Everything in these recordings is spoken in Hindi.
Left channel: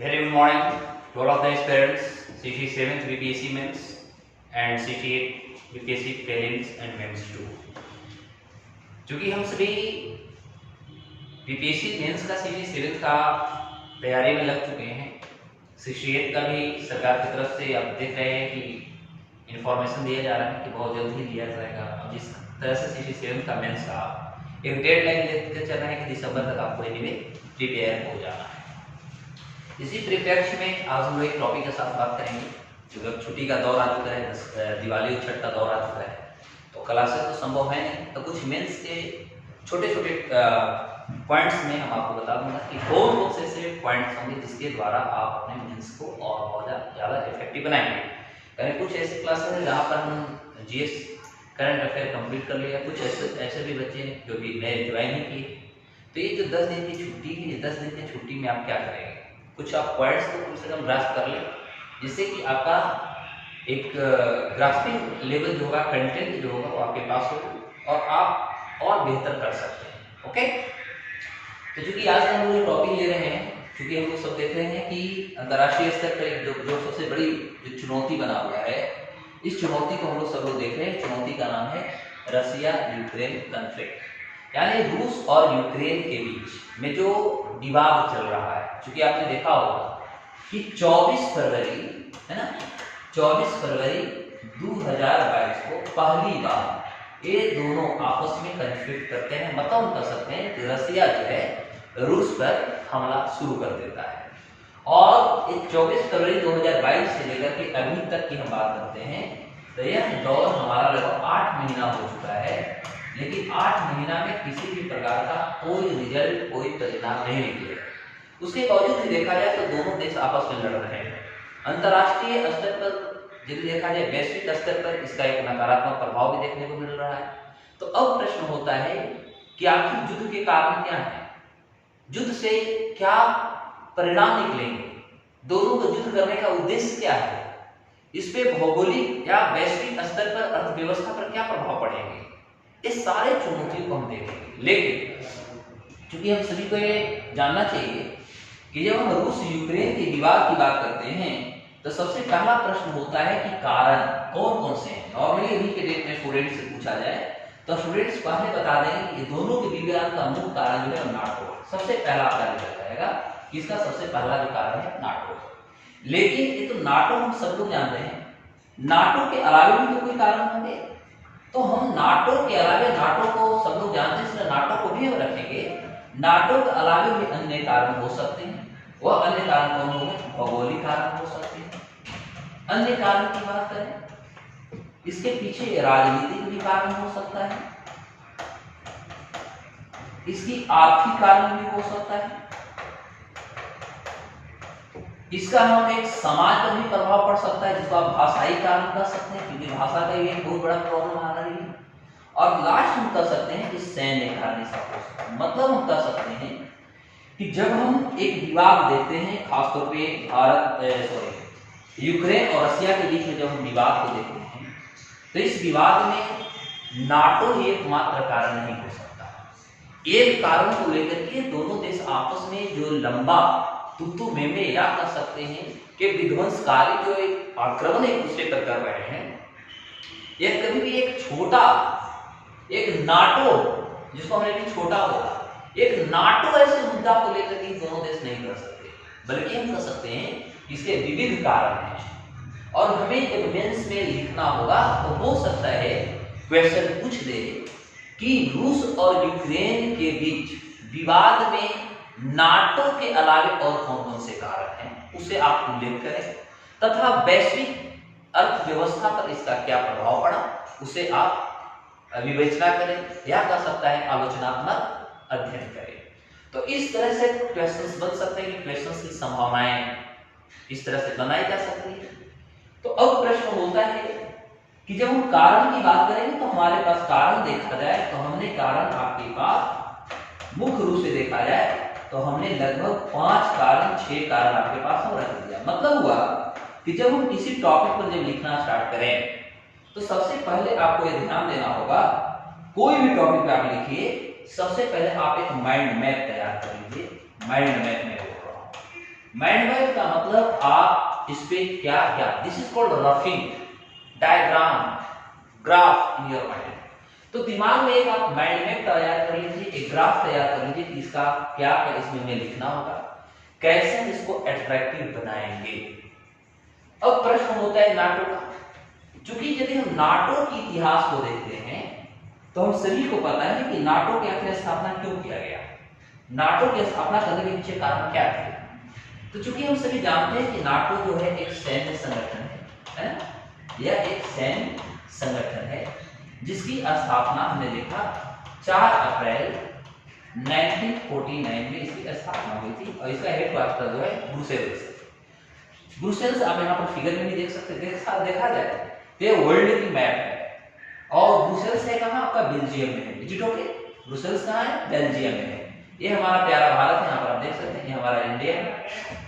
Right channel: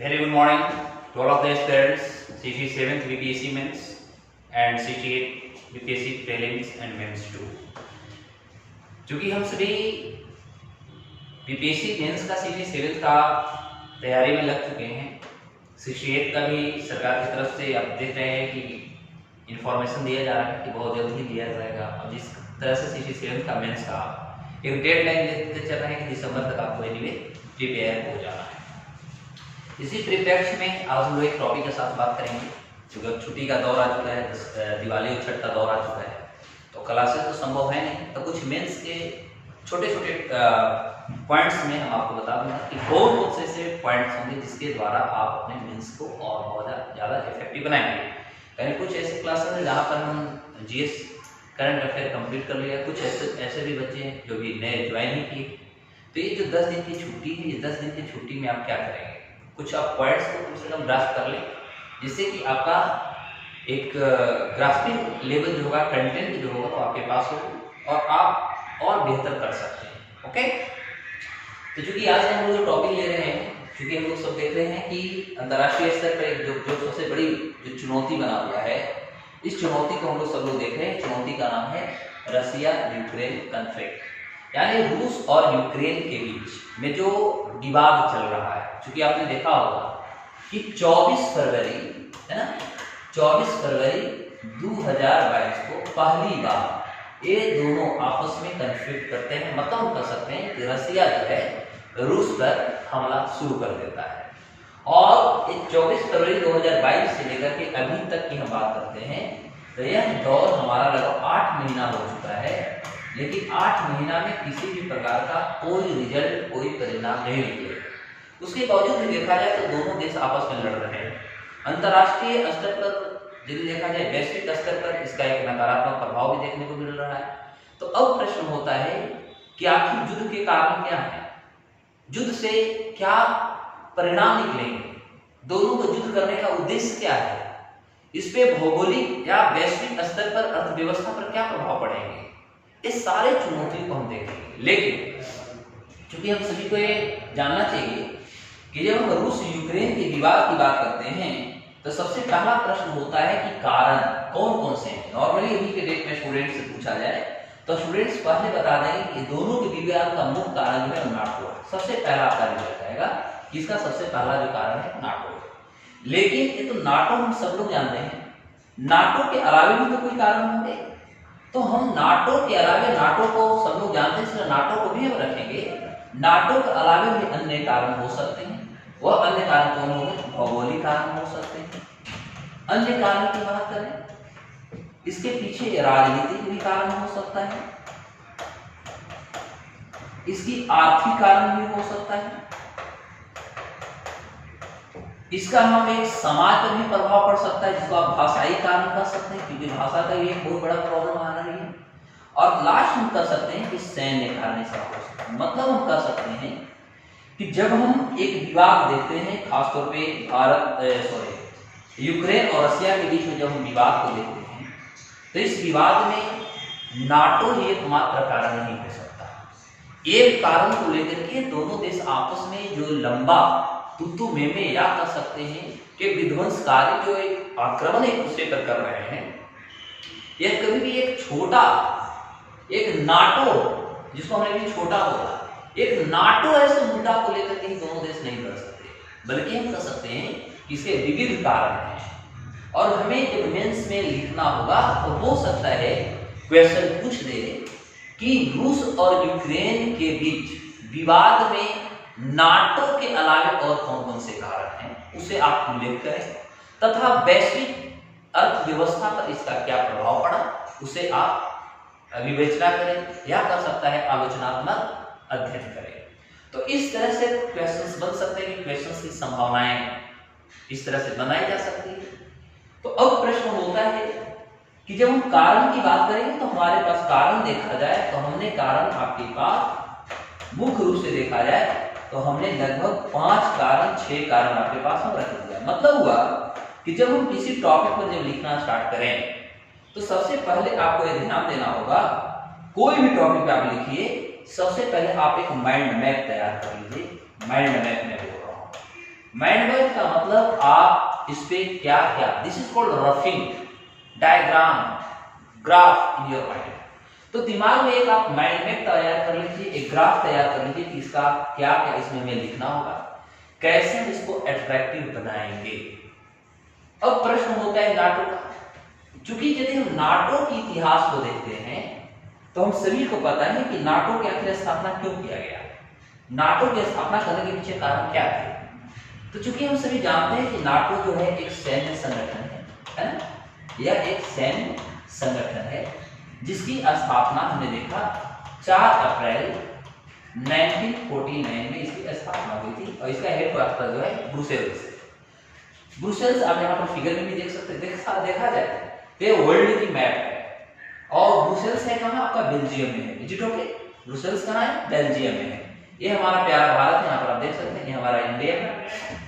Very good morning to all of the aspirants, CT 7th BPSC Mains and CT 8 BPSC Prelims and Mains 2। चूँकि हम सभी BPSC मेंस का CT 7th का तैयारी में लग चुके हैं, 68 का भी सरकार की तरफ से आप देख रहे हैं कि इन्फॉर्मेशन दिया जा रहा है कि बहुत जल्द ही दिया जाएगा। अब जिस तरह से CT 7th का मेंस का एक डेडलाइन लेकर चल रहा है कि दिसंबर तक आपको एनीवे प्रिपेयर हो जाना है। इसी परिप्रेक्ष्य में आज हम लोग एक टॉपिक के साथ बात करेंगे। क्योंकि अब छुट्टी का दौर आ चुका है, दिवाली और छठ का दौर आ चुका है, तो क्लासेस तो संभव है नहीं, तो कुछ मेंस के छोटे छोटे पॉइंट्स में हम आपको बता दूंगा कि कौन कौन से ऐसे पॉइंट्स होंगे जिसके द्वारा आप अपने मेंस को और बहुत ज़्यादा इफेक्टिव बनाएंगे। कहीं कुछ ऐसे क्लासेस हैं जहाँ पर हम जीएस करंट अफेयर कंप्लीट कर लिया, कुछ ऐसे भी बच्चे हैं जो भी नए ज्वाइन ही किए। तो ये जो 10 दिन की छुट्टी है, ये 10 दिन की छुट्टी में आप क्या करेंगे, कुछ आप पॉइंट्स को कम से कम ग्रास्प कर लें, जिससे कि आपका एक ग्रास्पिंग लेवल जो होगा, कंटेंट जो होगा वो आपके पास हो और आप और बेहतर कर सकते हैं। ओके, तो चूंकि आज हम लोग जो टॉपिक ले रहे हैं, क्योंकि हम लोग सब देख रहे हैं कि अंतर्राष्ट्रीय स्तर पर एक जो सबसे बड़ी जो चुनौती बना हुआ है, इस चुनौती को हम लोग सब लोग देख रहे हैं। चुनौती का नाम है रसिया यूक्रेन कॉन्फ्लिक्ट, यानी रूस और यूक्रेन के बीच में जो विवाद चल रहा है। क्योंकि आपने देखा होगा कि 24 फरवरी है ना, 24 फरवरी 2022 को पहली बार ये दोनों आपस में कॉन्फ्लिक्ट करते हैं। मतलब हम कह सकते हैं कि रसिया जो है रूस पर हमला शुरू कर देता है। और 24 फरवरी 2022 से लेकर के अभी तक की हम बात करते हैं, तो यह दौर हमारा लगभग 8 महीना हो चुका है, लेकिन 8 महीना में किसी भी प्रकार का कोई रिजल्ट, कोई परिणाम नहीं निकले। उसके बावजूद भी देखा जाए तो दोनों देश आपस में लड़ रहे हैं। अंतर्राष्ट्रीय स्तर पर यदि देखा जाए, वैश्विक स्तर पर इसका एक नकारात्मक प्रभाव भी देखने को मिल रहा है। तो अब प्रश्न होता है कि आखिर युद्ध के कारण क्या है, युद्ध से क्या परिणाम निकलेंगे, दोनों को युद्ध करने का उद्देश्य क्या है, इस पे भौगोलिक या वैश्विक स्तर पर अर्थव्यवस्था पर क्या प्रभाव पड़ेंगे, इस सारे चुनौतियों को हम देखेंगे। लेकिन क्योंकि हम सभी को ये जानना चाहिए कि जब हम रूस यूक्रेन के विवाद की बात करते हैं, तो सबसे पहला प्रश्न होता है कि कारण कौन कौन से हैं। नॉर्मली अभी के डेट में स्टूडेंट्स से पूछा जाए तो स्टूडेंट्स पहले बता देंगे कि दोनों के विवाद का मुख्य कारण जो है नाटो है। सबसे पहला आपका रिजल्ट आएगा कि इसका सबसे पहला जो कारण है नाटो है। लेकिन ये तो नाटो हम सब लोग जानते हैं, नाटो के अलावा भी तो कोई कारण होंगे। तो हम नाटो के अलावा, नाटो को सब लोग जानते हैं इसलिए नाटो को भी हम रखेंगे। नाटो के अलावा भी अन्य कारण हो सकते हैं। वह अन्य कारण कौन होंगे, भौगोलिक कारण हो सकते हैं। अन्य कारण की बात करें, इसके पीछे राजनीतिक भी कारण हो सकता है, इसकी आर्थिक कारण भी हो सकता है, इसका हम एक समाज पर भी प्रभाव पड़ सकता है, जिसको आप भाषाई कारण कह सकते हैं, क्योंकि भाषा का ये एक बहुत बड़ा प्रॉब्लम आ रही है। और लास्ट हम कह सकते हैं कि सैन्य कारण इसका हो सकता है। मतलब हम कह सकते हैं कि जब हम एक विवाद देखते हैं, खासतौर पे यूक्रेन और रसिया के बीच में जब हम विवाद को देखते हैं, तो इस विवाद में नाटो ही एकमात्र कारण नहीं हो सकता। एक कारण को लेकर के दोनों देश आपस में जो लंबा तुतु में या कह सकते हैं कि विध्वंसकारी जो एक आक्रमण एक दूसरे पर कर रहे हैं, यह कभी भी एक छोटा, एक नाटो जिसको हमने भी छोटा होगा, एक नाटो ऐसे मुद्दा को लेकर के दोनों देश नहीं कर सकते, बल्कि हम कह सकते हैं कि इसके विविध कारण हैं। और हमें जब मेंस में लिखना होगा तो हो सकता है क्वेश्चन पूछ दे कि रूस और यूक्रेन के बीच विवाद में नाटो के अलावा और कौन कौन से कारण हैं, उसे आप उल्लेख करें, तथा वैश्विक अर्थव्यवस्था पर इसका क्या प्रभाव पड़ा, उसे आप विवेचना करें, या कह सकता है आलोचनात्मक अध्ययन करें। तो इस तरह से क्वेश्चंस बन सकते हैं कि क्वेश्चंस की संभावनाएं इस तरह से बनाई जा सकती है। तो अब प्रश्न होता है कि जब हम कारण की बात करेंगे तो हमारे पास कारण देखा जाए तो हमने कारण आपके पास मुख्य रूप से देखा जाए तो हमने लगभग 5 कारण 6 कारण आपके पास हम रख दिया। मतलब हुआ कि जब हम किसी टॉपिक पर जब लिखना स्टार्ट करें तो सबसे पहले आपको यह ध्यान देना होगा, कोई भी टॉपिक पे आप लिखिए, सबसे पहले आप एक माइंड मैप तैयार कर लीजिए। माइंड मैप में बोल रहा हूं, मैनुअल का मतलब आप इस पे क्या क्या, this is called roughing, diagram, graph in your mind. तो दिमाग में एक आप माइंड मैप तैयार कर लीजिए, एक ग्राफ तैयार कर लीजिए कि इसका क्या क्या इसमें हमें लिखना होगा, कैसे हम इसको अट्रैक्टिव बनाएंगे। अब प्रश्न होता है नाटो का, क्योंकि यदि हम नाटो के इतिहास को देखते हैं तो हम सभी को पता है कि नाटो की आखिर स्थापना क्यों किया गया, नाटो की स्थापना करने के पीछे कारण क्या थे। तो चूंकि हम सभी जानते हैं कि नाटो जो है एक सैन्य संगठन है ना, यह एक सैन्य संगठन है जिसकी स्थापना हमने देखा 4 अप्रैल 1949 में इसकी स्थापना हुई थी और इसका हेडक्वार्टर जो है ब्रुसेल्स है। ब्रुसेल्स आप यहाँ पर फिगर में भी देख सकते हैं, देखा जाए तो ये वर्ल्ड की मैप है और ब्रुसेल्स है कहाँ, आपका बेल्जियम में है। विजिट ओके, ब्रुसेल्स कहाँ है, बेल्जियम में है। ये हमारा प्यारा भारत है, यहाँ पर आप देख सकते हैं, ये हमारा इंडिया है।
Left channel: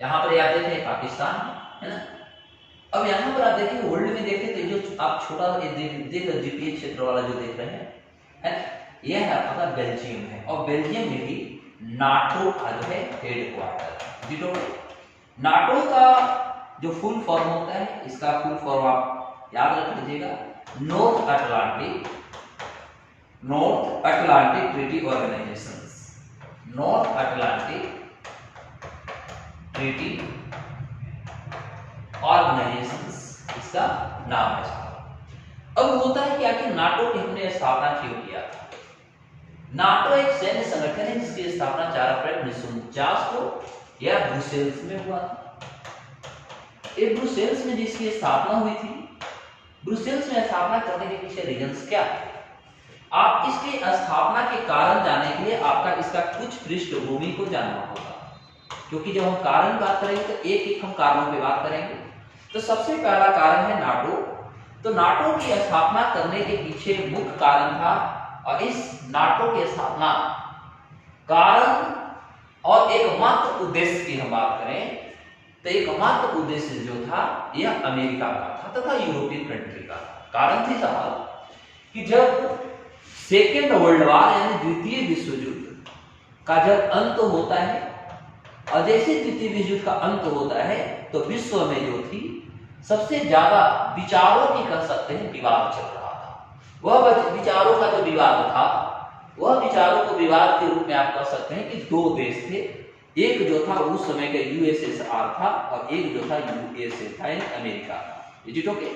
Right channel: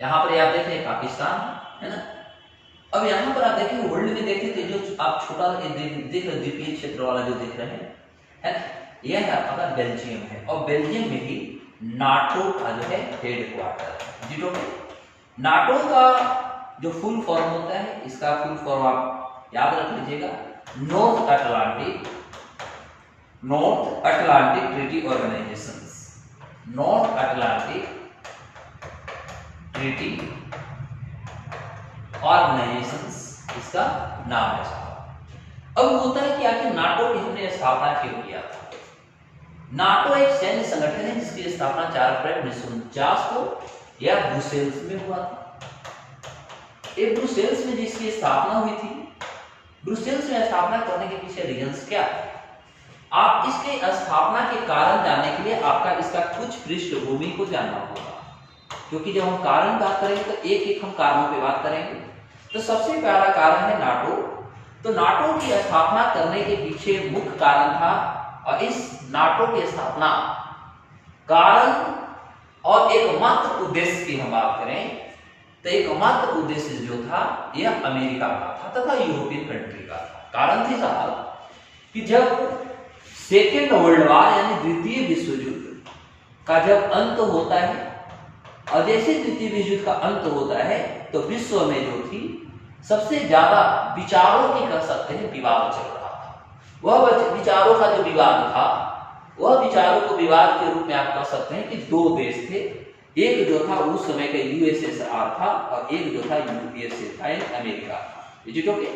यहाँ पर आप देखें पाकिस्तान है ना। अब यहाँ पर आप देखिए वर्ल्ड में देखें तो जो आप छोटा देख रहे द्वीपीय क्षेत्र वाला जो देख रहे हैं है ना, यह है आपका बेल्जियम है और बेल्जियम में भी नाटो का जो है हेडक्वार्टर। जी तो नाटो का जो फुल फॉर्म होता है, इसका फुल फॉर्म आप याद रख लीजिएगा, north Atlantic treaty organisations, north Atlantic treaty organisations इसका नाम है। अब होता है कि आखिर नाटो की हमने स्थापना क्यों किया था। नाटो एक सैन्य संगठन है जिसकी स्थापना 4 अप्रैल 1949 को यह ब्रुसेल्स में हुआ था। ये ब्रुसेल्स में जिसकी स्थापना हुई थी, ब्रुसेल्स में स्थापना करने के पीछे रीजंस क्या थे, आप इसके स्थापना के कारण जानने के लिए आपका इसका कुछ पृष्ठभूमि को जानना होगा, क्योंकि जब हम कारण बात करेंगे तो एक एक हम कारणों पे बात करेंगे। तो सबसे पहला कारण है नाटो। तो नाटो की स्थापना करने के पीछे मुख्य कारण था, और इस नाटो की स्थापना कारण और एकमात्र उद्देश्य की हम बात करें तो एकमात्र उद्देश्य जो था यह अमेरिका का था तथा यूरोपियन कंट्री का था। कारण थी साहब कि जब सेकेंड वर्ल्ड वॉर यानी द्वितीय विश्व युद्ध का जब अंत होता है और जैसे द्वितीय विश्व युद्ध का अंत होता है तो विश्व में जो थी सबसे ज्यादा विचारों की कह सकते हैं विवाद चल रहा था। वह विचारों का जो विवाद था, वह विचारों को विवाद के रूप में आप कह सकते हैं कि 2 देश थे, एक जो था उस समय का यूएसएसआर था और एक जो था यूएसए था, अमेरिका था। Is it okay.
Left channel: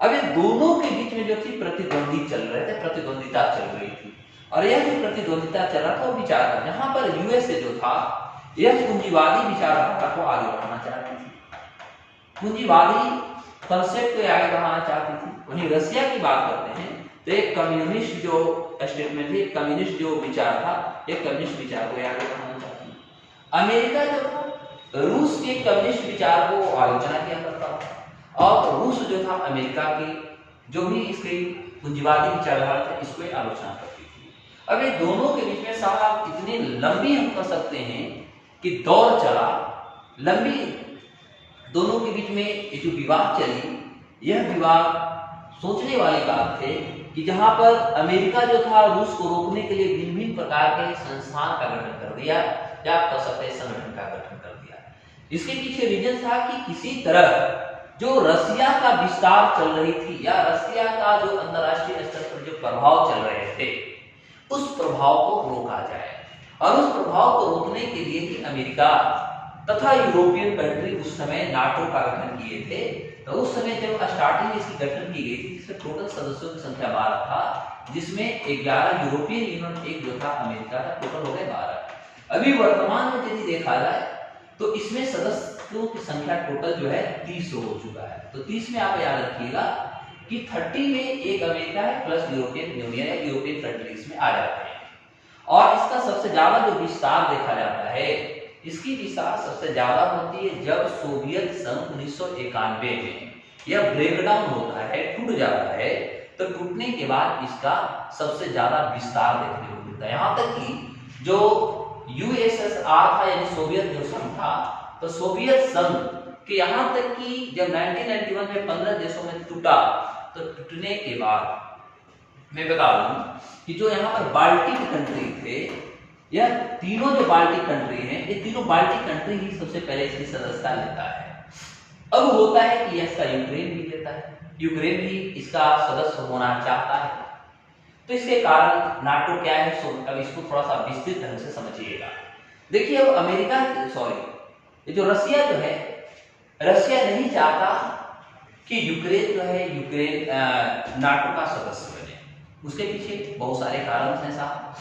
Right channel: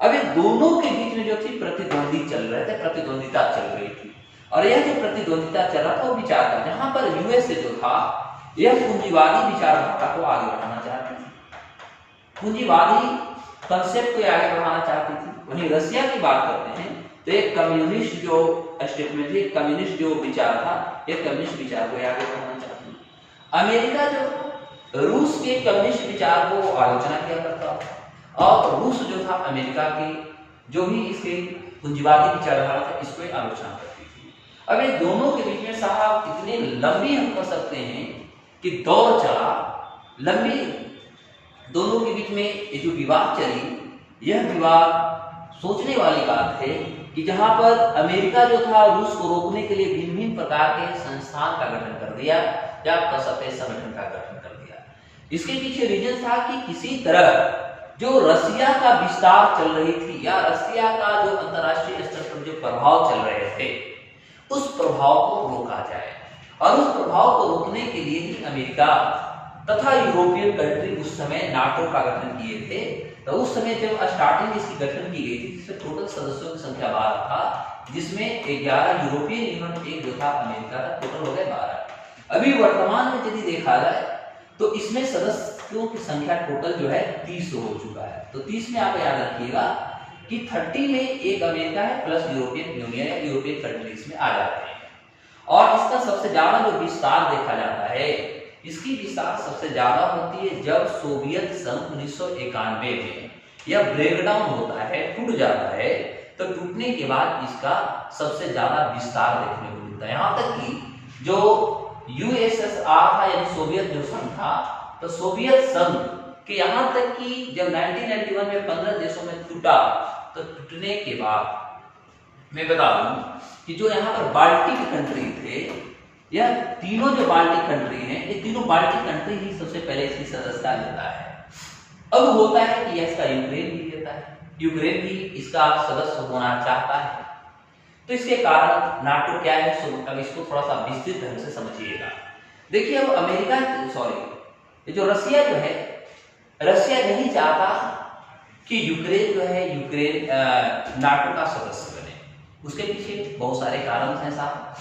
अब इन दोनों के बीच में जो थी प्रतिद्वंदी चल रहे थे, प्रतिद्वंदिता चल रही थी, और यह जो प्रतिद्वंदिता चल रहा था वो विचार था, जहां पर यूएसए जो था यह पूंजीवादी विचारधारा को आगे बढ़ाना चाहती थी, पूंजीवादी कंसेप्ट को आगे बढ़ाना चाहती थी। वहीं रशिया की बात करते हैं तो एक कम्युनिस्ट जो स्टेटमेंट थी, कम्युनिस्ट जो विचार था, एक कम्युनिस्ट विचार को आगे बढ़ाना चाहती थी। अमेरिका जो था रूस के कम्युनिस्ट विचार को आलोचना किया करता था, और रूस जो था अमेरिका की जो भी इसके पूंजीवादी विचारधारा था इसको आलोचना करती थी। अब ये दोनों के बीच में साहब इतनी लंबी हम कह सकते हैं कि दौर चला, लंबी दोनों के बीच में ये जो विवाद चली, यह विवाद सोचने वाली बात है कि जहां पर अमेरिका जो था रूस को रोकने के लिए भिन्न प्रकार के संस्थान का गठन कर दिया, या आप कह सकते हैं संगठन का गठन कर दिया। इसके पीछे रीजन था कि किसी तरह जो रसिया का विस्तार चल रही थी या रसिया का जो अंतरराष्ट्रीय स्तर पर जो प्रभाव चल रहे थे उस प्रभाव को रोका जाए, और उस प्रभाव को रोकने के लिए ही अमेरिका तथा यूरोपियन कंट्री उस समय नाटो का गठन किए थे। तो उस समय जब स्टार्टिंग इसकी गठन की गई थी जिसमें टोटल सदस्यों की संख्या 12 था, जिसमें 11 यूरोपियन यूनियन, एक जो था अमेरिका का, टोटल हो गए 12। अभी वर्तमान में यदि देखा जाए तो इसमें सदस्यों की संख्या टोटल जो है 30 हो चुका है। तो 30 में आप याद रखिएगा कि 30 में एक अमेरिका है प्लस यूरोपियन यूनियन या यूरोपियन कंट्रीज में आ जाते हैं। और इसका सबसे ज्यादा जो विस्तार देखा जाता है, इसकी विस्तार सबसे ज्यादा होती है जब सोवियत संघ 1991 में यह ब्रेकडाउन होता है, टूट जाता है। तो टूटने के बाद इसका सबसे ज्यादा विस्तार देखने को मिलता है, यहाँ तक कि जो यूएसएसआर था यानी सोवियत जो संघ था, तो सोवियत संघ के यहाँ तक कि जब 1991 में 15 देशों में टूटा, तो टूटने के बाद मैं बता दूं कि जो यहाँ पर बाल्टिक कंट्री थे, यह तीनों जो बाल्टिक कंट्री हैं, ये तीनों बाल्टिक कंट्री ही सबसे पहले इसकी सदस्यता लेता है। अब होता है कि इसका यूक्रेन भी लेता है, यूक्रेन भी इसका सदस्य होना चाहता है। तो इसके कारण नाटो क्या है, अब इसको थोड़ा सा विस्तृत ढंग से समझिएगा। देखिए अब अमेरिका, सॉरी, ये जो रसिया जो है, रसिया नहीं चाहता कि यूक्रेन जो है, यूक्रेन नाटो का सदस्य बने। उसके पीछे बहुत सारे कारण हैं साहब।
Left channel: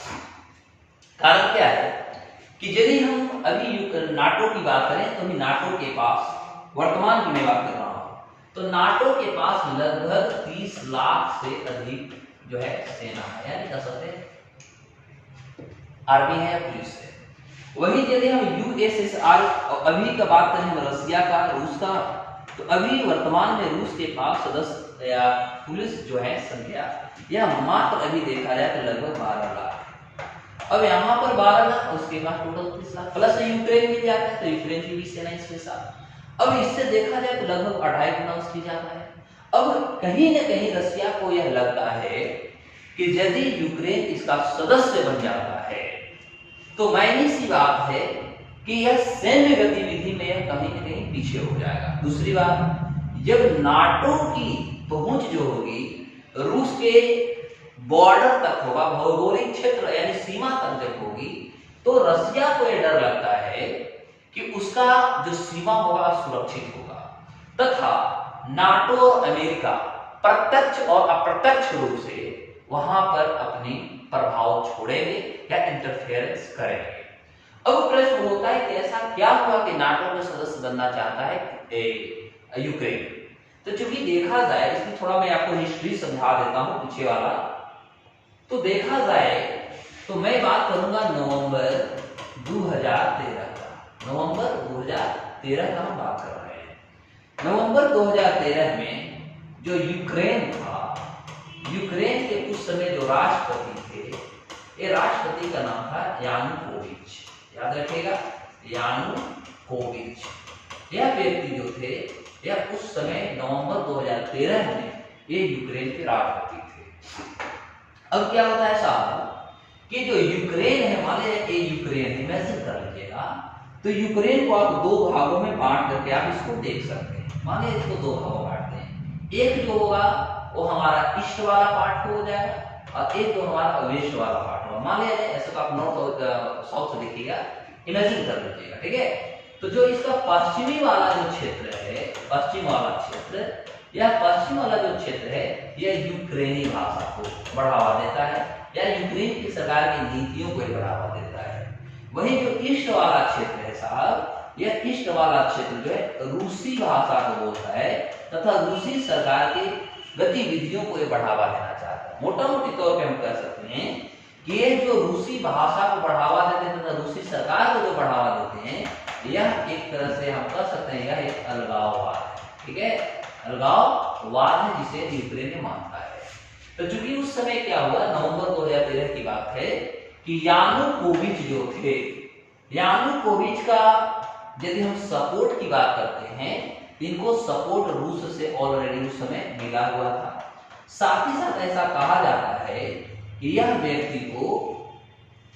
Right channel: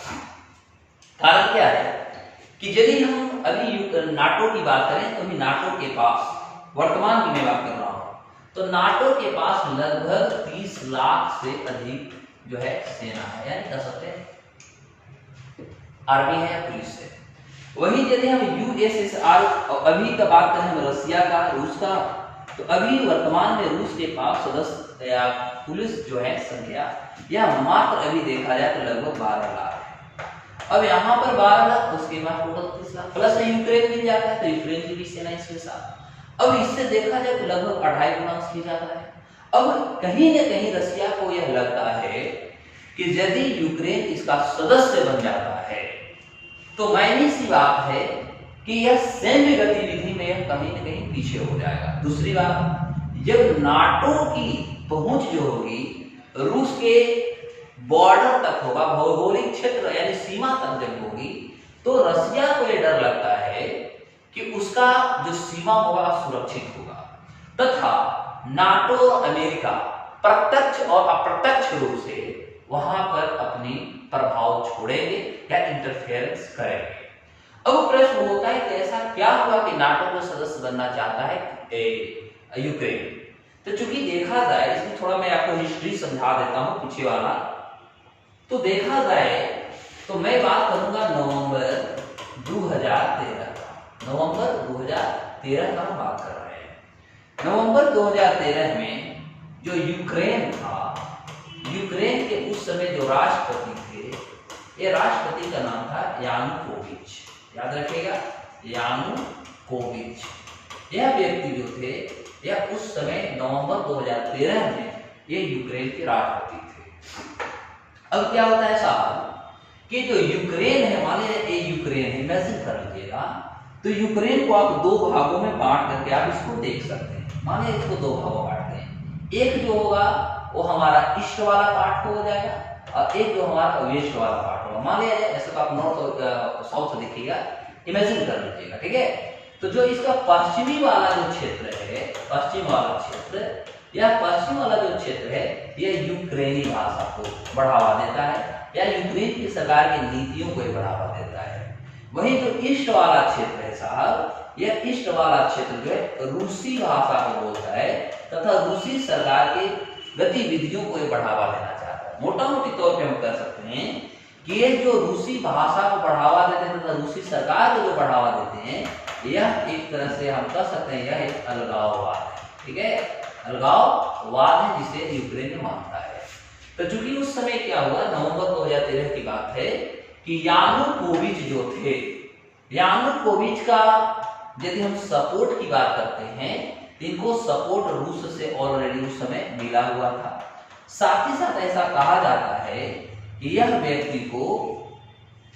कारण क्या है कि यदि हम अभी नाटो की बात करें, तो अभी नाटो के पास वर्तमान की मैं बात कर रहा हूं, तो नाटो के पास लगभग 30 लाख से अधिक जो है सेना है, यानी कह सकते हैं आर्मी है या पुलिस है। वहीं यदि हम यूएसएसआर अभी का बात करें, हम रसिया का, रूस का, तो अभी वर्तमान में रूस के पास सदस्य या पुलिस जो है संख्या, यह मात्र अभी देखा जाए तो लगभग 12 लाख है। अब यहाँ पर 12 लाख, उसके बाद टोटल 30 लाख, प्लस यूक्रेन भी आता है, तो यूक्रेन की भी सेना इसके साथ। अब इससे देखा जाए तो लगभग 2.5 गुना उसकी ज्यादा है। अब कहीं न कहीं रसिया को यह लगता है कि यदि यूक्रेन इसका सदस्य बन जाता है, तो मायने सी बात है कि यह सैन्य गतिविधि में यह कहीं न कहीं पीछे हो जाएगा। दूसरी बात, जब नाटो की पहुंच जो होगी रूस के बॉर्डर तक होगा, भौगोलिक क्षेत्र यानी सीमा तक जब होगी, तो रसिया को यह डर लगता है कि उसका जो सीमा होगा सुरक्षित होगा, तथा नाटो अमेरिका प्रत्यक्ष और अप्रत्यक्ष रूप से वहां पर अपनी प्रभाव छोड़ेंगे या इंटरफेरेंस करेंगे। अब प्रश्न होता है कि ऐसा क्या हुआ कि नाटो का सदस्य बनना चाहता है यूक्रेन। तो चूंकि देखा जाए, इसमें थोड़ा मैं आपको हिस्ट्री समझा देता हूं पीछे वाला। तो देखा जाए तो मैं बात करूंगा नवंबर 2013 का। नवंबर 2013 का हम बात कर रहे हैं। नवंबर 2013 में जो यूक्रेन था, यूक्रेन के उस समय जो राष्ट्रपति थे, ये राष्ट्रपति का नाम था यानुकोविच। याद रखिएगा, यानुकोविच। यह व्यक्ति जो थे, यह उस समय नवंबर 2013 में ये यूक्रेन के राष्ट्रपति थे। अब क्या होता है साहब कि जो यूक्रेन है, मान लीजिए ये यूक्रेन है, इमेजिन कर लीजिएगा, तो यूक्रेन को आप दो भागों में बांट करके आप इसको देख सकते हैं। मान लीजिए इसको दो भागों में बांटते हैं, एक जो होगा वो हमारा ईस्ट वाला पार्ट हो जाएगा और एक जो हमारा वेस्ट वाला पार्ट होगा। मान लीजिए ऐसे तो आप नॉर्थ और साउथ से देखिएगा, इमेजिन कर लीजिएगा, ठीक है। तो जो इसका पश्चिमी वाला जो क्षेत्र है, पश्चिम वाला क्षेत्र, यह पश्चिम वाला जो क्षेत्र है, यह यूक्रेनी भाषा को बढ़ावा देता है या यूक्रेन की सरकार की नीतियों को बढ़ावा देता है। वहीं जो ईस्ट वाला क्षेत्र है साहब, यह ईस्ट वाला क्षेत्र जो है रूसी भाषा को बोलता है तथा रूसी सरकार के गतिविधियों को ये बढ़ावा देना चाहता है। मोटा मोटी तौर पे हम कह सकते हैं कि ये जो रूसी भाषा को बढ़ावा देते हैं तथा रूसी सरकार को जो बढ़ावा देते हैं, यह एक तरह से हम कह सकते हैं यह एक अलगाववाद है, ठीक है, अलगाववाद है जिसे यूक्रेन मानता है। तो चूंकि उस समय क्या हुआ, नवंबर 2013 की बात है कि यानुकोविच जो थे, यानुकोविच का यदि हम सपोर्ट की बात करते हैं, इनको सपोर्ट रूस से ऑलरेडी उस समय मिला हुआ था। साथ ही साथ ऐसा कहा जाता है कि यह व्यक्ति को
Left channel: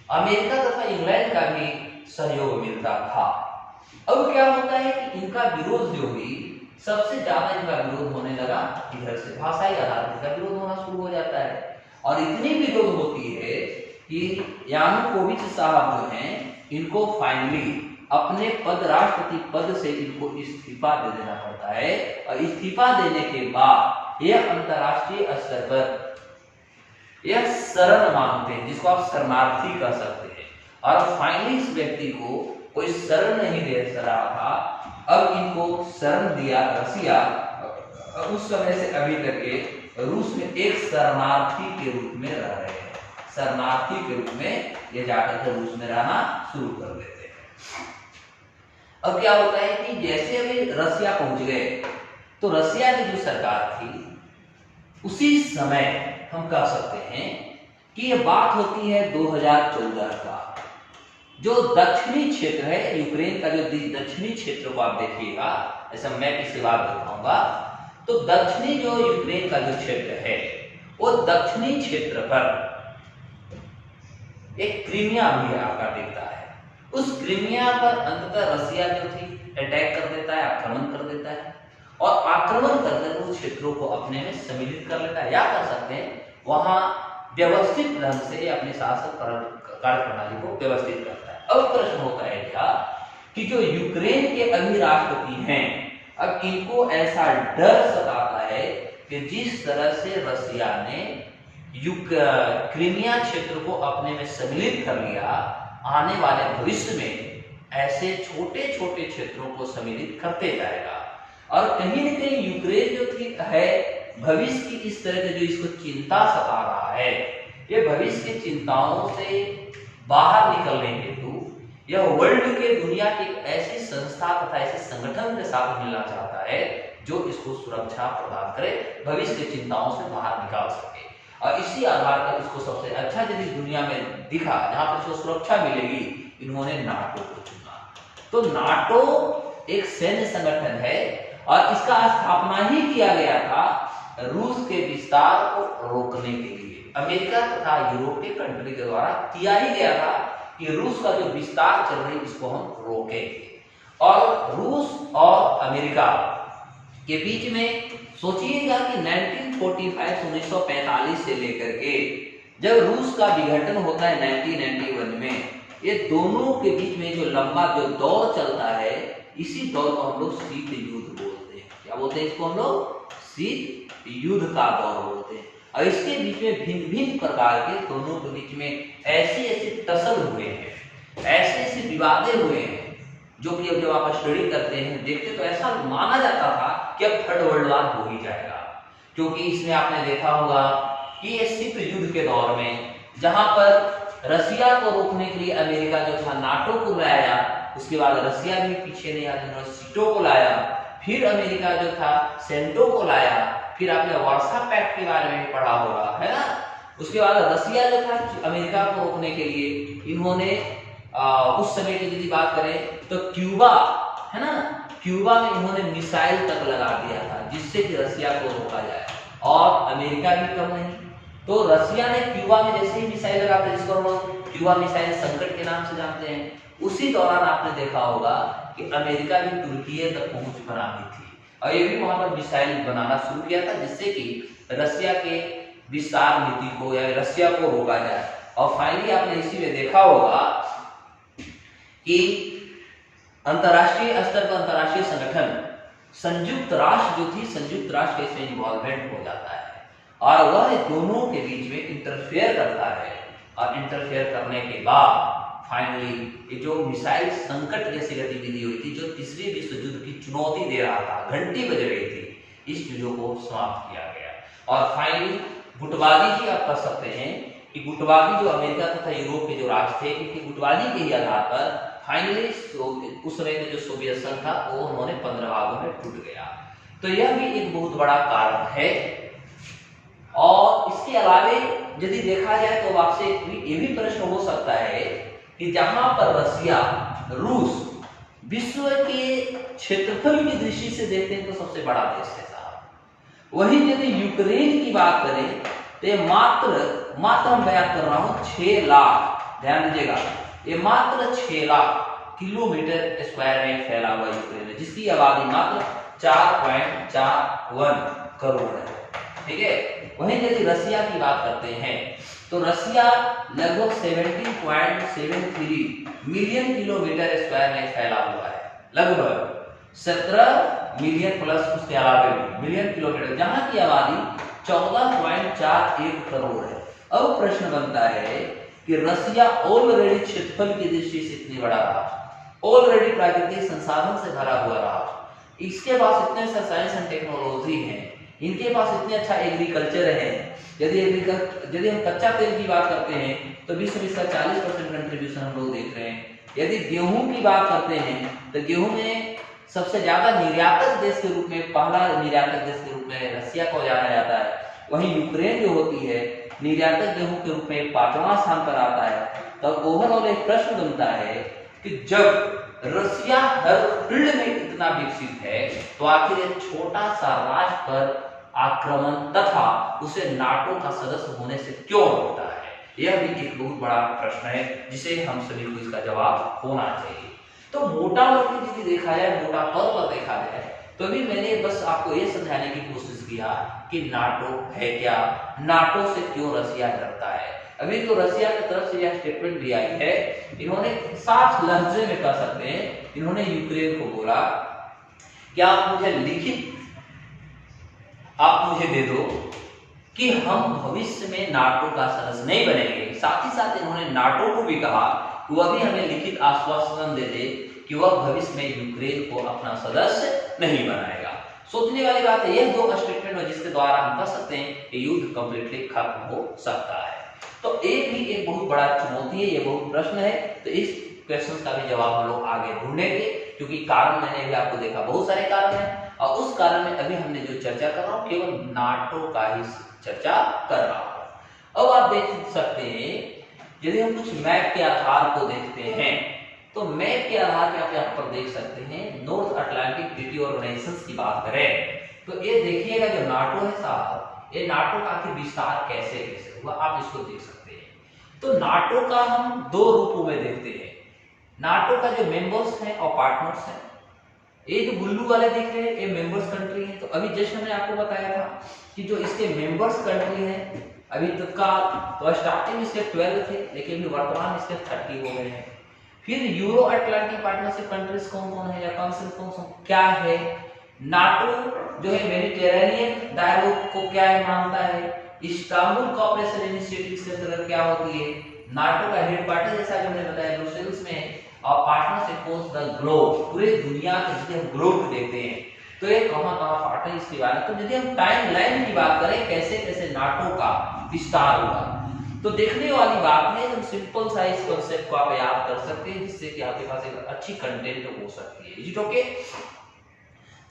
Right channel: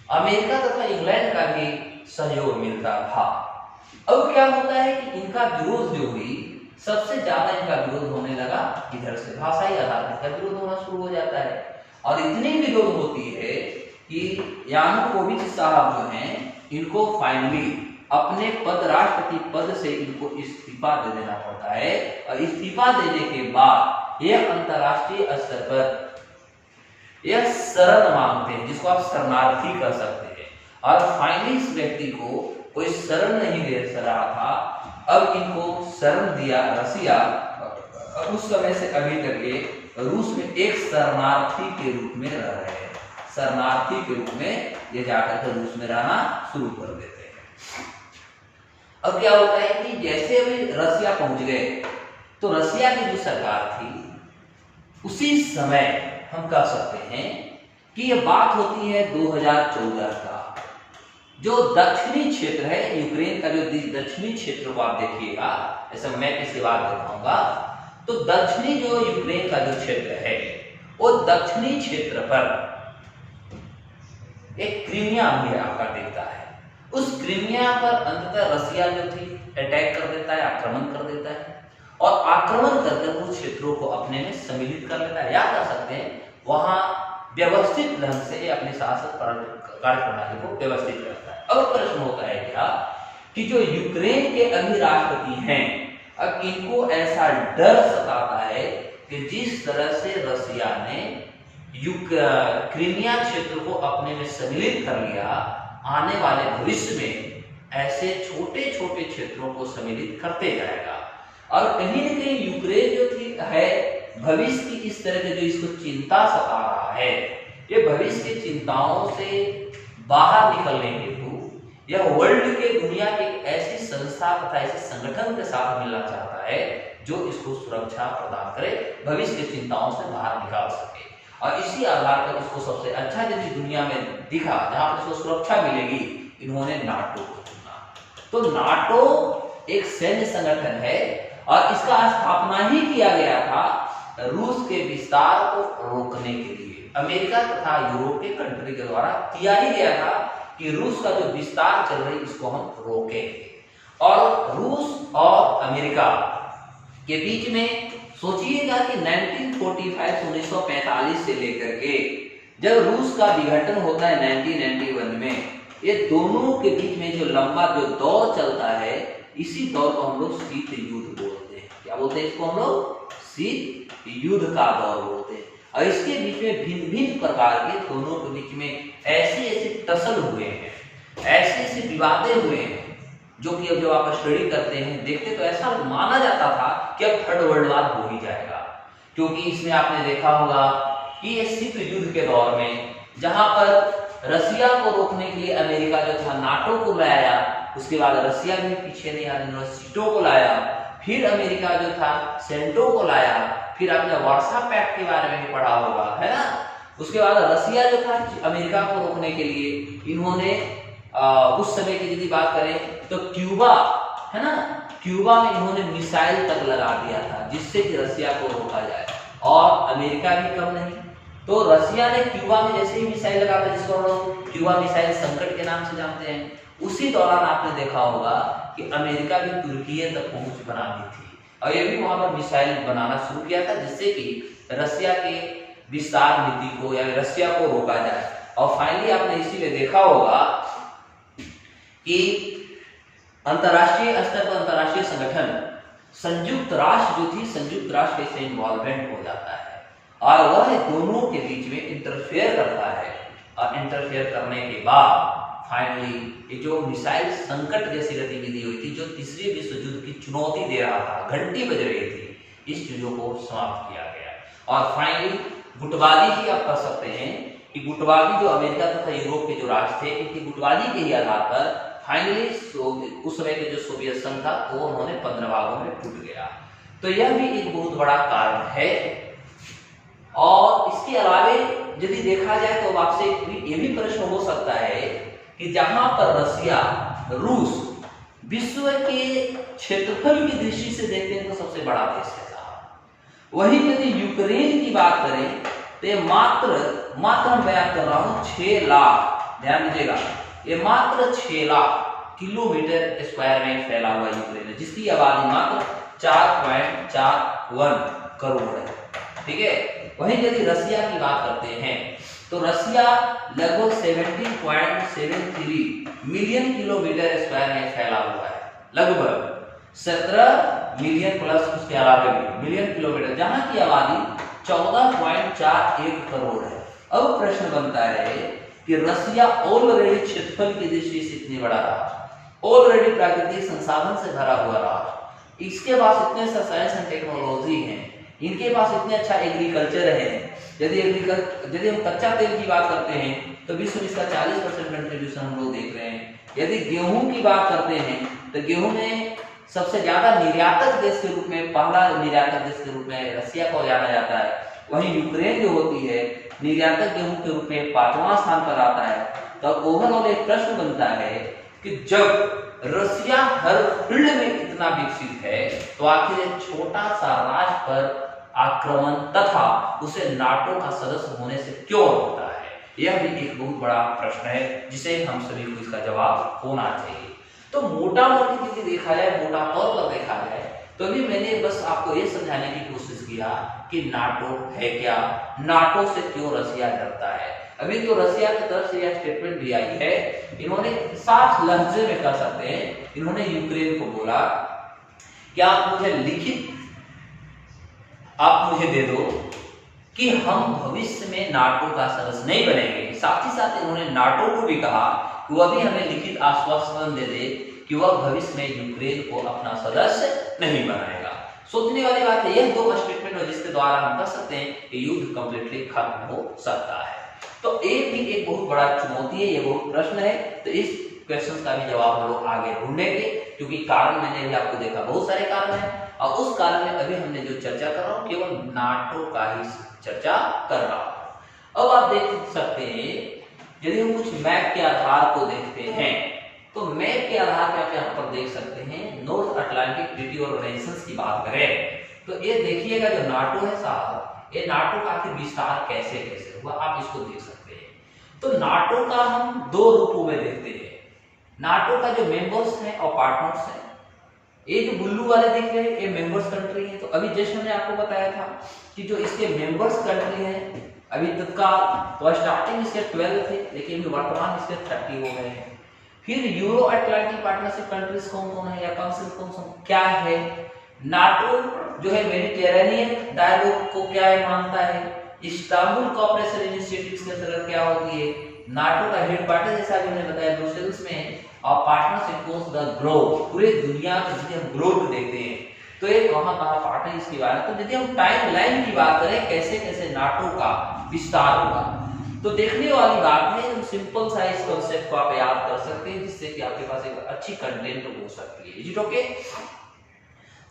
अमेरिका तथा इंग्लैंड का भी सहयोग मिलता था। अब क्या होता है कि इनका विरोध जो हुई, सबसे ज्यादा इनका विरोध होने लगा इधर से, भाषाई आधार पर इनका विरोध होना शुरू हो जाता है। और इतनी विरोध होती है कि यानुकोविच साहब जो हैं, इनको फाइनली अपने पद, राष्ट्रपति पद से इनको इस्तीफा दे देना पड़ता है। और इस्तीफा देने के बाद यह अंतरराष्ट्रीय स्तर पर यह शरण मांगते हैं, जिसको आप शरणार्थी कह सकते हैं। और फाइनली इस व्यक्ति को कोई शरण नहीं दे रहा था, अब इनको शरण दिया रसिया। उस समय से अभी तक ये रूस में एक शरणार्थी के रूप में रह रहे हैं। शरणार्थी के रूप में ये जाकर के रूस में रहना शुरू कर देते हैं। अब क्या होता है कि जैसे अभी रसिया पहुंच गए, तो रसिया की जो सरकार थी, उसी समय हम कह सकते हैं कि ये बात होती है 2014 का। जो दक्षिणी क्षेत्र है यूक्रेन का, जो दक्षिणी क्षेत्र को आप देखिएगा, ऐसा मैं इसे बात दिखाऊंगा, तो दक्षिणी जो यूक्रेन का जो क्षेत्र है, वो दक्षिणी क्षेत्र पर एक क्रीमिया भी है आपका दिखता है। उस क्रीमिया पर अंततः रसिया जो थी अटैक कर देता है, आक्रमण कर देता है और आक्रमण करके उन क्षेत्रों को अपने में सम्मिलित कर लेता है, या कर सकते हैं वहां व्यवस्थित ढंग से अपनी शासक कार्य प्रणाली को व्यवस्थित करता है। अब प्रश्न होता है क्या कि जो यूक्रेन के अभी राष्ट्रपति हैं, अब इनको ऐसा डर सताता है कि जिस तरह से रसिया ने क्रीमिया क्षेत्र को अपने में सम्मिलित कर लिया, आने वाले भविष्य में ऐसे छोटे छोटे क्षेत्रों को सम्मिलित करते जाएगा। और कहीं न कहीं यूक्रेन जो थी है भविष्य की इस तरह के जो इसको चिंता सता रहा है, ये भविष्य की चिंताओं से बाहर निकलने हेतु यह वर्ल्ड के दुनिया की एक ऐसी संस्था तथा ऐसे संगठन के साथ मिलना चाहता है जो इसको सुरक्षा प्रदान करे, भविष्य की चिंताओं से बाहर निकाल सके। और इसी आधार पर इसको सबसे अच्छा यदि दुनिया में दिखा जहां पर इसको सुरक्षा मिलेगी, इन्होंने नाटो को चुना। तो नाटो एक सैन्य संगठन है और इसका स्थापना ही किया गया था रूस के विस्तार को रोकने के लिए। अमेरिका तथा यूरोप के कंट्री के द्वारा किया ही गया था कि रूस का जो विस्तार चल रही है इसको हम रोकेंगे। और रूस और अमेरिका के बीच में सोचिएगा कि 1945 से लेकर के जब रूस का विघटन होता है 1991 में, ये दोनों के बीच में जो लंबा जो दौर चलता है, इसी दौर को हम लोग शीत युद्ध बोलते हैं। क्या बोलते हैं इसको हम लोग? शीत युद्ध का दौर बोलते हैं। और इसके बीच में भिन्न भिन्न प्रकार के दोनों के बीच में ऐसे ऐसे टसल हुए हैं, ऐसे ऐसे विवादें हुए हैं, जो कि अब जब आप स्टडी करते हैं देखते तो ऐसा माना जाता था कि अब थर्ड वर्ल्ड वार हो ही जाएगा। क्योंकि इसमें आपने देखा होगा कि ये शीत युद्ध के दौर में जहां पर रसिया को रोकने के लिए अमेरिका जो था नाटो को लाया, उसके बाद रसिया भी पीछे नहीं आया, उन्होंने सीटो को लाया, फिर अमेरिका जो था सेंटो को लाया, फिर आपने वार्सा पैक्ट के बारे में पढ़ा होगा, है ना। उसके बाद रसिया जो था अमेरिका को रोकने के लिए इन्होंने उस समय की यदि बात करें तो क्यूबा, है ना, क्यूबा में इन्होंने मिसाइल तक लगा दिया था जिससे कि रसिया को रोका जाए। और अमेरिका भी कम नहीं, तो रसिया ने क्यूबा में जैसे ही मिसाइल लगा दिया, जिसको हम लोग क्यूबा मिसाइल संकट के नाम से जानते हैं, उसी दौरान आपने देखा होगा कि अमेरिका भी तुर्की तक पहुंच बना दी थी और ये भी वहां पर मिसाइल बनाना शुरू किया था जिससे कि रसिया के विस्तार नीति को या रसिया को रोका जाए। और फाइनली आपने इसी में देखा होगा कि अंतरराष्ट्रीय स्तर पर अंतरराष्ट्रीय संगठन संयुक्त राष्ट्र जो थी, संयुक्त राष्ट्र इसमें इन्वॉल्वमेंट हो जाता है और वह दोनों के बीच में इंटरफेयर करता है। और इंटरफेयर करने के बाद फाइनली ये जो मिसाइल संकट जैसी गतिविधि हुई थी, जो तीसरे विश्व युद्ध की चुनौती दे रहा था, घंटी बज रही थी, इस चीजों को समाप्त किया गया। और फाइनली गुटबाजी ही आप कर सकते हैं कि गुटबाजी जो अमेरिका तथा यूरोप के जो राष्ट्र थे, इनकी गुटबाजी के ही आधार पर फाइनली उस समय में जो सोवियत संघ था वो उन्होंने 15 भागों में टूट गया। तो यह भी एक बहुत बड़ा कारण है। और इसके अलावे यदि देखा जाए तो आपसे ये भी प्रश्न हो सकता है कि जहां पर रसिया, रूस विश्व के क्षेत्रफल की दृष्टि से देखते हैं तो सबसे बड़ा देश है साहब, वही यदि यूक्रेन की बात करें तो मात्र मैं बयान कर रहा हूं 6 लाख, ध्यान दीजिएगा, ये मात्र 6 लाख किलोमीटर स्क्वायर में फैला हुआ यूक्रेन है, जिसकी आबादी मात्र 4.41 करोड़ है। ठीक है, वहीं यदि रसिया की बात करते हैं तो रसिया लगभग 17.73 मिलियन किलोमीटर स्क्वायर में फैला हुआ है, लगभग 17 मिलियन प्लस उसके अलावा भी मिलियन किलोमीटर, जहां की आबादी 14.41 करोड़ है। अब प्रश्न बनता है कि रसिया ऑलरेडी क्षेत्रफल की दृष्टि से इतनी बड़ा रहा, ऑलरेडी प्राकृतिक संसाधन से भरा हुआ रहा, इसके पास इतने सा साइंस एंड टेक्नोलॉजी है, इनके पास इतने अच्छा एग्रीकल्चर है। यदि हम कच्चा तेल की बात करते हैं तो विश्व में इसका 40% कंट्रीब्यूशन हम लोग देख रहे हैं। यदि गेहूं की बात करते हैं तो गेहूं में सबसे ज्यादा निर्यातक देश के रूप में, पहला निर्यातक देश के रूप में रसिया को जाना जाता है। वहीं यूक्रेन जो होती है निर्यातक गेहूं के रूप में 5वां स्थान पर आता है। तो ओवरऑल एक प्रश्न बनता है कि जब रसिया हर फील्ड में इतना विकसित है तो आखिर एक छोटा सा राष्ट्र पर आक्रमण तथा उसे नाटो का सदस्य होने से क्यों रोकता है, यह भी एक बहुत बड़ा प्रश्न है जिसे हम सभी को इसका जवाब होना चाहिए। तो मोटा मोटी यदि देखा जाए, मोटा तौर पर देखा जाए, तो अभी मैंने बस आपको ये समझाने की कोशिश किया कि नाटो है क्या, नाटो से क्यों रसिया डरता है। अभी तो रसिया की तरफ से यह स्टेटमेंट भी आई है, इन्होंने साफ लफ्ज़ में कह सकते हैं, इन्होंने यूक्रेन को बोला कि आप मुझे लिखित आप मुझे दे दो कि हम भविष्य में नाटो का सदस्य नहीं बनेंगे। साथ ही साथ इन्होंने नाटो को भी कहा कि वह भी हमें लिखित आश्वासन दे दे कि वह भविष्य में यूक्रेन को अपना सदस्य नहीं बनाएगा। सोचने वाली बात है, यह दो स्टेटमेंट है जिसके द्वारा हम कह सकते हैं कि युद्ध कंप्लीटली खत्म हो सकता है। तो एक बहुत बड़ा चुनौती है, ये बहुत प्रश्न है। तो इस क्वेश्चन का भी जवाब हम लोग आगे ढूंढेंगे, क्योंकि कारण मैंने भी आपको देखा बहुत सारे कारण हैं, और उस कारण में अभी हमने जो चर्चा कर रहा हूँ केवल नाटो का ही चर्चा कर रहा हूँ। अब आप देख सकते हैं, यदि हम कुछ मैप के आधार को देखते हैं, तो मैप के आधार पे आप यहाँ पर देख सकते हैं नॉर्थ अटलांटिक ट्रीटी ऑर्गेनाइजेशन की बात करें तो ये देखिएगा जो नाटो है साहब, ये नाटो का आखिर विस्तार कैसे कैसे हुआ आप इसको देख सकते हैं। तो नाटो का हम दो रूपों में देखते हैं। नाटो का जो मेंबर्स हैं और पार्टनर्स हैं, ये जो बुल्लू वाले दिख रहे हैं ये मेंबर्स कंट्री है। तो अभी जस्ट मैंने आपको बताया था कि जो इसके मेंबर्स कंट्री हैं अभी तत्काल तो स्टार्टिंग इसके 12 थे, लेकिन वर्तमान इसके 30 हो गए हैं। फिर यूरो अटलांटिक पार्टनरशिप कंट्रीज कौन कौन है या काउंसिल कौन कौन क्या है। नाटो जो है मेडिटेरेनियन डायलॉग को क्या है मानता है, इस्तांबुल कोऑपरेशन इनिशिएटिव्स के अंतर्गत क्या होती है, नाटो का हेडक्वार्टर जैसा जो मैंने बताया ब्रुसेल्स में, और पार्टनरशिप अक्रॉस द ग्लोब, पूरे दुनिया के जिसे हम ग्लोब देखते हैं तो ये कहां पार्टनर इसके बारे में। तो यदि हम टाइम लाइन की बात करें कैसे कैसे नाटो का विस्तार हुआ, तो देखने वाली बात है, हम सिंपल सा इस कांसेप्ट को आप याद कर सकते हैं जिससे कि आपके पास एक अच्छी कंटेंट हो सकती है। Is it okay?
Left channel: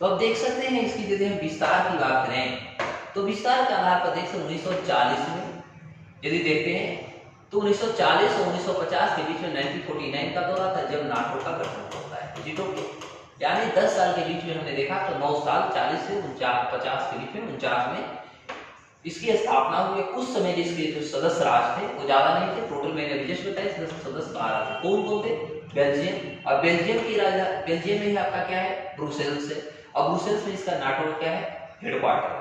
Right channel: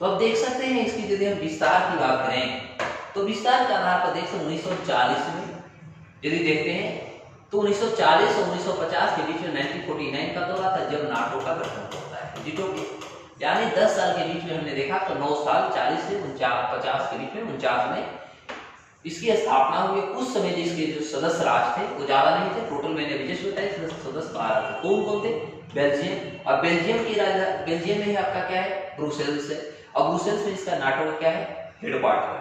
तो आप देख सकते हैं इसकी यदि हम विस्तार की बात करें तो विस्तार के आधार पर देखते 1940 में यदि देखते हैं तो 1940 और 1950 के बीच में 1949 का दौरा था जब नाटो का गठन होता है। Is it okay? यानी 10 साल के बीच में हमने देखा तो 9 साल 40 से 50 के बीच में 49 में इसकी स्थापना हुई। उस समय इसके जो सदस्य राष्ट्र थे वो ज्यादा नहीं थे, टोटल मैंने अभी जस्ट बताया सदस्य 12 थे। कौन कौन थे? बेल्जियम, और बेल्जियम की बेल्जियम में ही आपका क्या है ब्रुसेल्स है, और ब्रुसेल्स में इसका नाटो का क्या है हेडक्वार्टर है।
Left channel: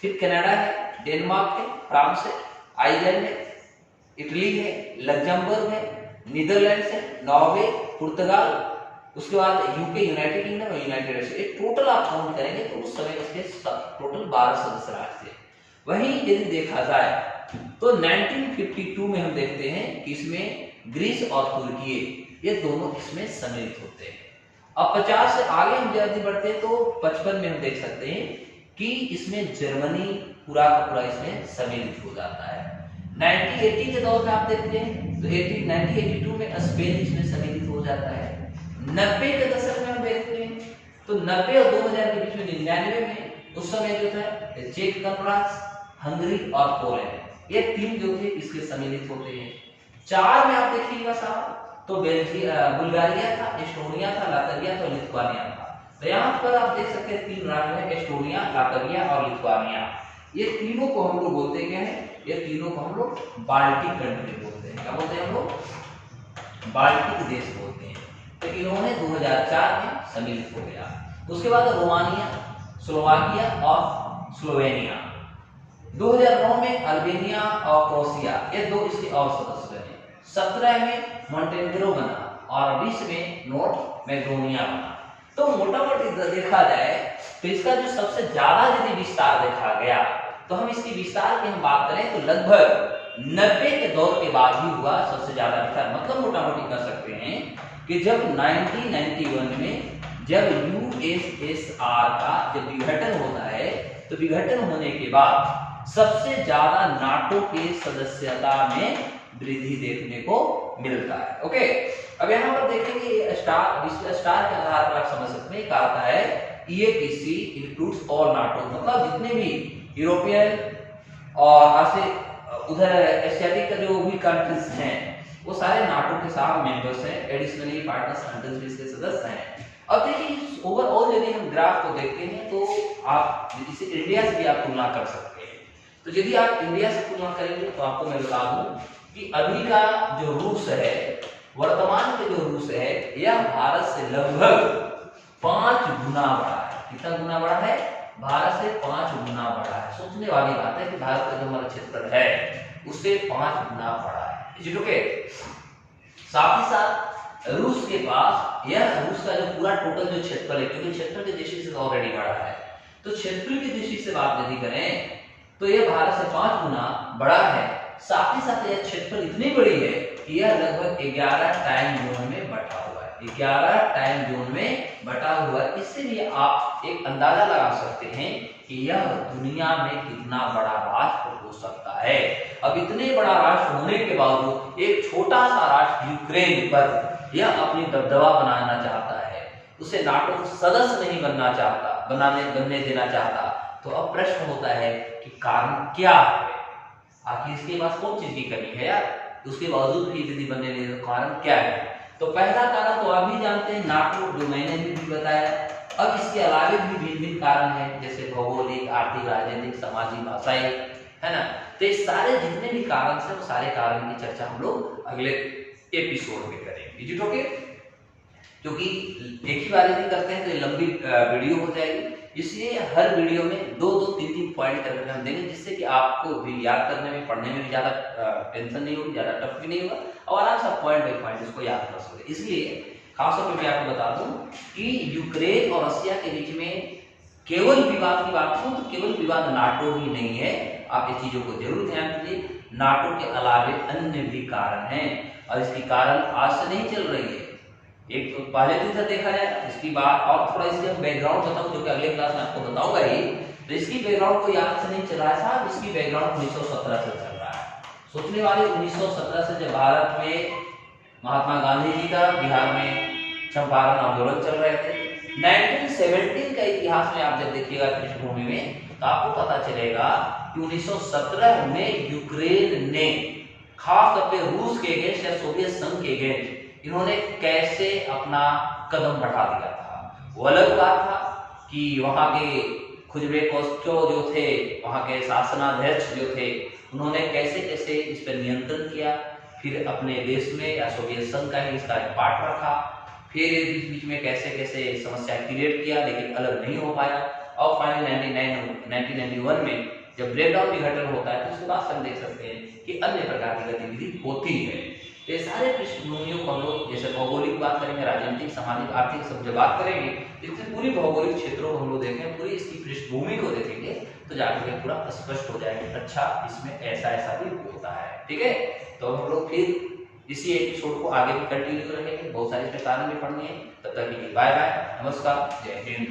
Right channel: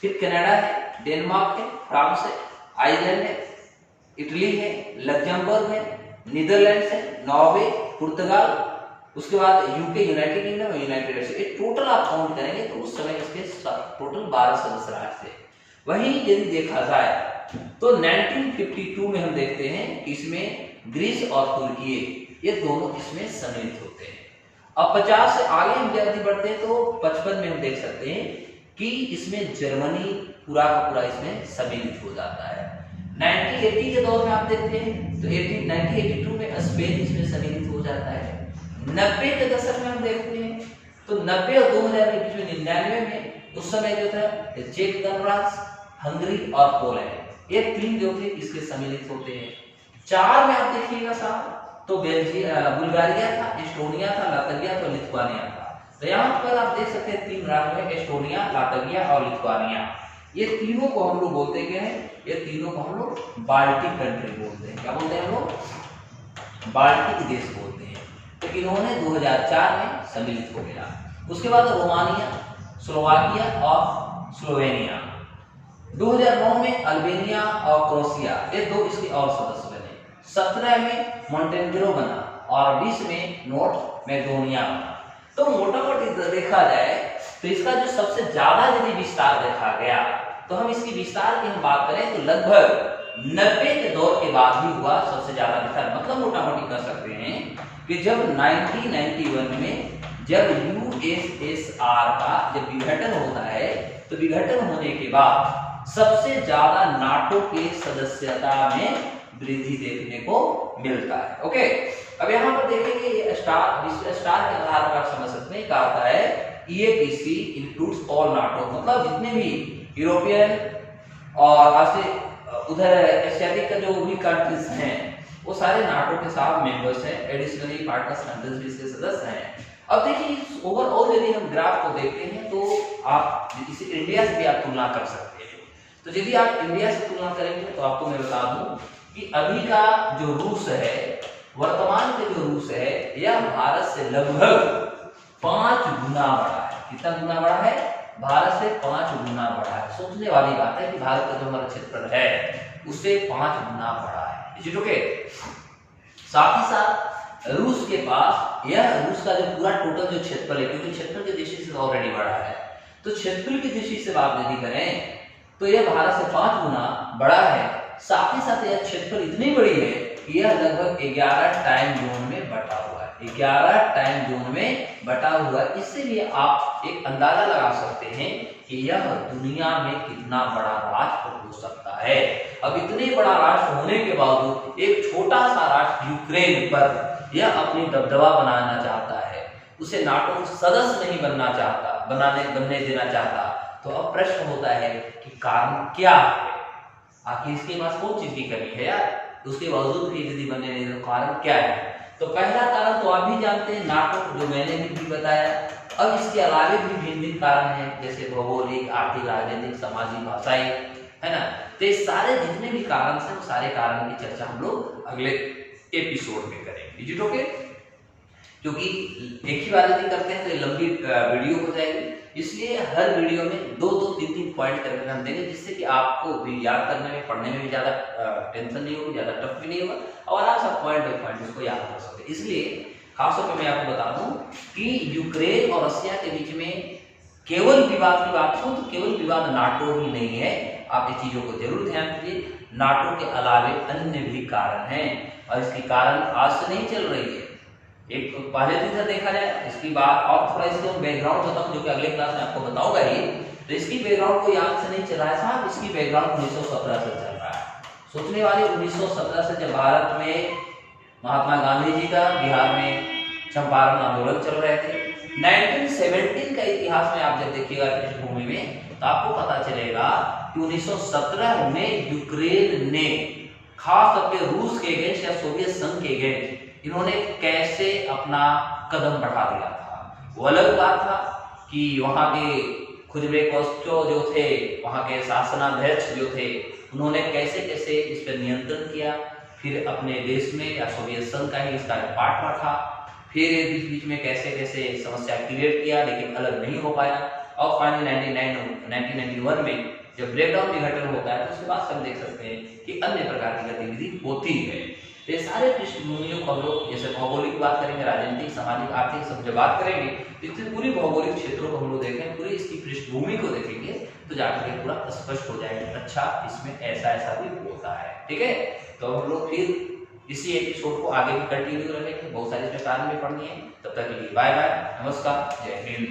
फिर कनाडा है, डेनमार्क है, फ्रांस है, आयरलैंड है, इटली है, लग्जमबर्ग है, नीदरलैंड्स है, नॉर्वे, पुर्तगाल, उसके बाद यूके यूनाइटेड किंगडम और यूनाइटेड स्टेट्स। टोटल आप काउंट करेंगे तो उस समय इसके टोटल 12 सदस्य राष्ट्र थे। वहीं यदि देखा जाए तो 1952 में हम देखते हैं कि इसमें ग्रीस और तुर्की ये दोनों इसमें सम्मिलित होते हैं। अब 50 से आगे हम यदि बढ़ते हैं तो 55 में हम देख सकते हैं कि इसमें जर्मनी पूरा का पूरा इसमें सम्मिलित हो जाता है। 1980 के दौर में आप देखते हैं तो 1982 में स्पेन इसमें सम्मिलित हो जाता है। 90 के दशक में हम देखते हैं तो 90 और 2000 के बीच में 99 में उस समय जो था चेक गणराज्य, हंगरी और पोलैंड ये तीन जो थे इसके सम्मिलित होते हैं। 4 में आप देखिएगा साहब तो बुल्गारिया था, एस्टोनिया था, लातविया था, लिथुआनिया था। तो यहाँ पर आप देख सकते हैं 3 राज्य है, एस्टोनिया, लातविया और लिथुआनिया। ये तीनों को हम लोग बोलते हैं, ये तीनों को हम लोग बाल्टिक कंट्री बोलते हैं। क्या बोलते हैं हम लोग? बाल्टिक देश बोलते हैं। तो इन्होंने 2004 में सम्मिलित हो गया। उसके बाद रोमानिया, स्लोवाकिया और स्लोवेनिया। 2009 में अल्बेनिया और क्रोएशिया ये दो इसके और सदस्य बने। 17 में मोंटेनेग्रो बना और 20 में नॉर्थ मैकेडोनिया बना। तो मोटा मोटी देखा जाए तो इसका जो सबसे ज्यादा यदि विस्तार देखा गया तो हम इसकी विस्तार की हम बात करें तो लगभग 90 के दौर के बाद ही हुआ सबसे ज्यादा विस्तार। मतलब मोटा मोटी कह सकते हैं कि जब 1991 में जब यूएसएसआर का जब विघटन होता है तो विघटन होने के बाद सबसे ज्यादा नाटो के सदस्यता में वृद्धि देखने को मिलता है। ओके, अब यहाँ पर देखेंगे ये स्टार स्टार के आधार पर आप समझ सकते हैं। कहा है ईएपीसी इंक्लूड्स ऑल नाटो, मतलब जितने भी यूरोपियन और उधर एशियाटिक का जो भी कंट्रीज हैं वो सारे नाटो के साथ मेंबर्स हैं। एडिशनली पार्टनर्स कंट्रीज भी इसके सदस्य हैं। अब देखिए ओवरऑल यदि हम ग्राफ को देखते हैं तो आप इसे इंडिया से भी आप तुलना कर सकते हैं। तो यदि आप इंडिया से तुलना करेंगे तो आपको मैं बता दूं कि अभी का जो रूस है, वर्तमान के जो रूस है, यह भारत से लगभग 5 गुना बड़ा है। कितना गुना बड़ा है? भारत से 5 गुना बड़ा है। सोचने वाली बात है कि भारत का जो हमारा क्षेत्रफल है उससे 5 गुना बड़ा है। Is it okay? साथ ही साथ रूस के पास, यह रूस का जो पूरा टोटल जो क्षेत्रफल है, क्योंकि क्षेत्रफल की दृष्टि से ऑलरेडी बड़ा है, तो क्षेत्रफल की दृष्टि से बात यदि करें तो यह भारत से 5 गुना बड़ा है। साथ ही साथ यह क्षेत्रफल इतनी बड़ी है कि यह लगभग 11 टाइम जोन में बटा हुआ है। 11 टाइम जोन में बटा हुआ है। इसलिए आप एक अंदाजा लगा सकते हैं कि यह दुनिया में कितना बड़ा राष्ट्र हो सकता है। अब इतने बड़ा राष्ट्र होने के बावजूद एक छोटा सा राष्ट्र यूक्रेन पर यह अपनी दबदबा बनाना चाहता है, उसे नाटो सदस्य नहीं बनने देना चाहता। तो अब प्रश्न होता है कि कारण क्या है? आखिर इसके पास कौन चीज की कमी है यार? उसके बावजूद भी यदि बनने नहीं, तो कारण क्या है? तो पहला कारण तो आप भी जानते हैं, नाटो, जो मैंने भी बताया। अब इसके अलावे भी भिन्न भिन्न कारण हैं, जैसे भौगोलिक, आर्थिक, राजनीतिक, सामाजिक, भाषाई, है ना। तो ये सारे जितने भी कारण से, वो सारे कारण की चर्चा हम लोग अगले एपिसोड में करेंगे। Is it okay? क्योंकि एक ही बार यदि करते हैं तो ये लंबी वीडियो हो जाएगी, इसलिए हर वीडियो में 2-2, 3-3 पॉइंट करके हम देंगे, जिससे कि आपको भी याद करने में, पढ़ने में भी ज़्यादा टेंशन नहीं होगी, ज़्यादा टफ भी नहीं होगा, और आराम से पॉइंट बाई पॉइंट इसको याद कर सकते। इसलिए खासतौर पर मैं आपको बता दूं कि यूक्रेन और रशिया के बीच में केवल विवाद की बात हो तो केवल विवाद नाटो ही नहीं है। आप इस चीज़ों को जरूर ध्यान दीजिए। नाटो के अलावे अन्य भी कारण हैं, और इसकी कारण आज से नहीं चल रही है। एक तो पहले दिन से देखा जाए, इसकी बात और थोड़ा इसके हम बैकग्राउंड बताऊं, जो कि अगले क्लास में आपको बताऊंगा ही। तो इसकी बैकग्राउंड कोई आज से नहीं चल रहा है साहब, इसकी बैकग्राउंड 1917 से चल रहा है। सोचने वाले 1917 से जब भारत में महात्मा गांधी जी का बिहार में चंपारण आंदोलन चल रहे थे, 1917 का इतिहास में आप जब देखिएगा पृष्ठभूमि में, तो आपको पता चलेगा कि 1917 में यूक्रेन ने खास तौर पे रूस के अगेंस्ट या सोवियत संघ के अगेंस्ट इन्होंने कैसे अपना कदम बढ़ा दिया था। वो अलग बात था कि वहाँ के खुजबेकोस्टो जो थे, वहाँ के शासनाध्यक्ष जो थे, उन्होंने कैसे कैसे इस पर नियंत्रण किया, फिर अपने देश में या सोवियत संघ का ही इसका पार्ट रखा, फिर बीच बीच में कैसे कैसे समस्या क्रिएट किया, लेकिन अलग नहीं हो पाया। और फाइनली 1991 में जब ब्रेकडाउन निगठन होता है, तो उसके बाद हम देख सकते हैं कि अन्य प्रकार की गतिविधि होती है। तो ये सारे पृष्ठभूमियों को हम लोग, जैसे भौगोलिक बात करेंगे, राजनीतिक, सामाजिक, आर्थिक, सब जब बात करेंगे, इससे पूरी भौगोलिक क्षेत्रों को हम लोग देखें, पूरी इसकी पृष्ठभूमि को देखेंगे, तो जाकर के पूरा स्पष्ट हो जाएगा, अच्छा इसमें ऐसा ऐसा भी होता है। ठीक है, तो हम लोग फिर इसी एपिसोड को आगे भी कंटिन्यू रखेंगे, बहुत सारी इसमें कारण भी पढ़नी है। तब तक के लिए बाय बाय, नमस्कार, जय हिंद।